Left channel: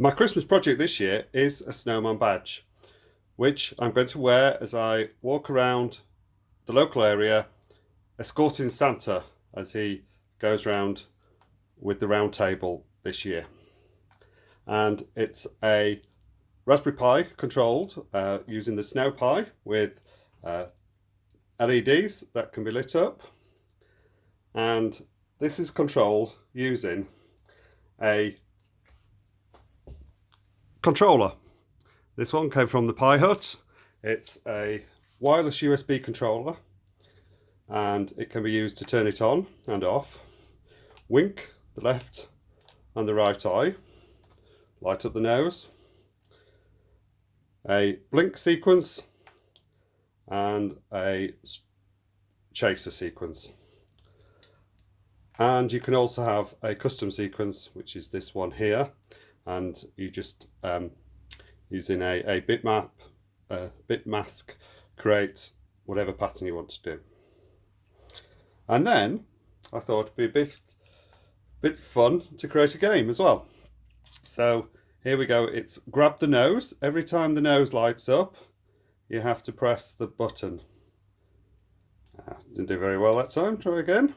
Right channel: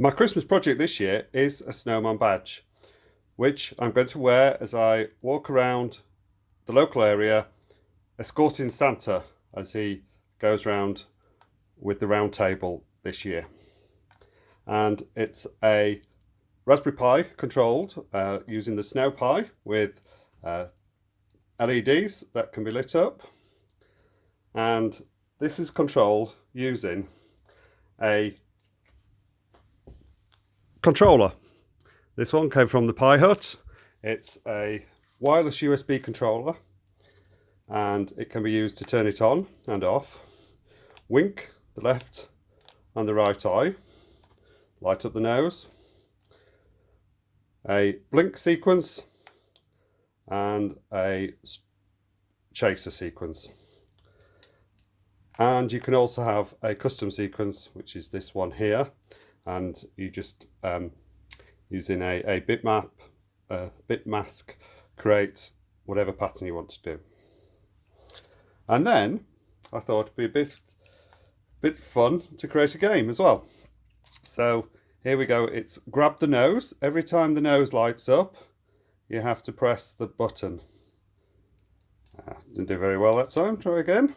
My Christmas project this year is a snowman badge, which I'm going to wear as I walk around the local area escorting Santa as he goes round with the round table this year. And it's a Raspberry Pi controlled using the Snow Pi with LEDs that can be lit up, and this is controlled using a controller. This one came from the Pi Hut. It's a wireless USB controller and it can be used to turn it on and off, wink the left and the right eye, light up the nose, a blink sequence and a chaser sequence. And you can also have a custom sequence, which is this one here, and you just using a bitmap, bit mask, create whatever pattern you want to do. And then I thought it'd be a bit fun to create a game as well. So here we go. It's grab the nose. Every time the nose lights up, you have to press the button. Didn't do very well that time. Try again.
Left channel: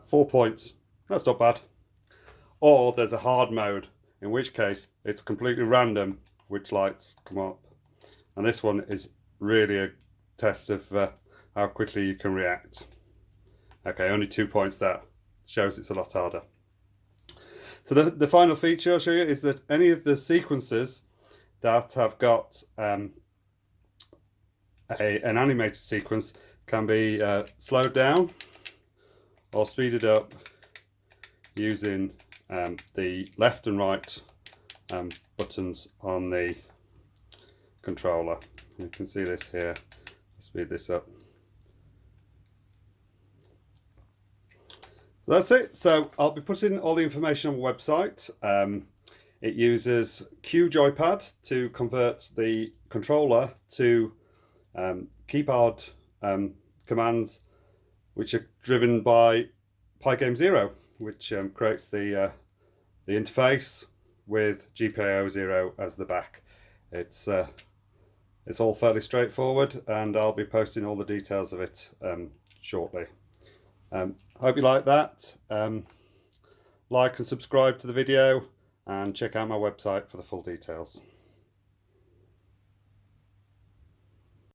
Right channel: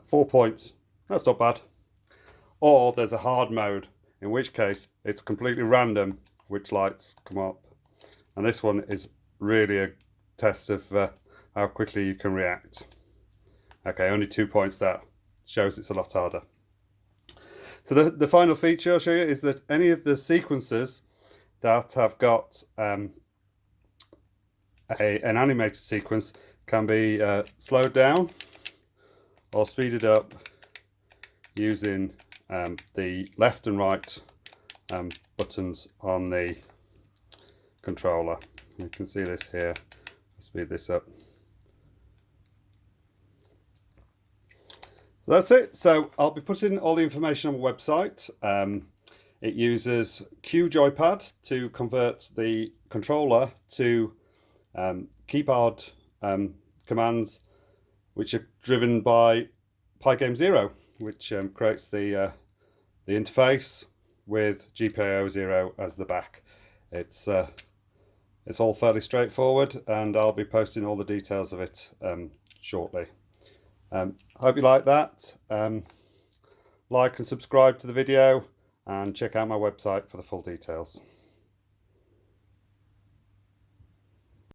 4 points. That's not bad. Or there's a hard mode, in which case it's completely random which lights come up. And this one is really a test of how quickly you can react. Okay, only 2 points. That shows it's a lot harder. So the final feature I'll show you is that any of the sequences that have got an animated sequence can be slowed down or speeded up using the left and right buttons on the controller. You can see this here. I'll speed this up. So that's it. So I'll be putting all the information on the website. It uses Q joypad to convert the controller to keyboard commands, which are driven by Pygame Zero, which creates the interface with GPIO 0 as the back. It's all fairly straightforward, and I'll be posting all the details of it shortly. Hope you like that. Like and subscribe to the video and check out my website for the full details.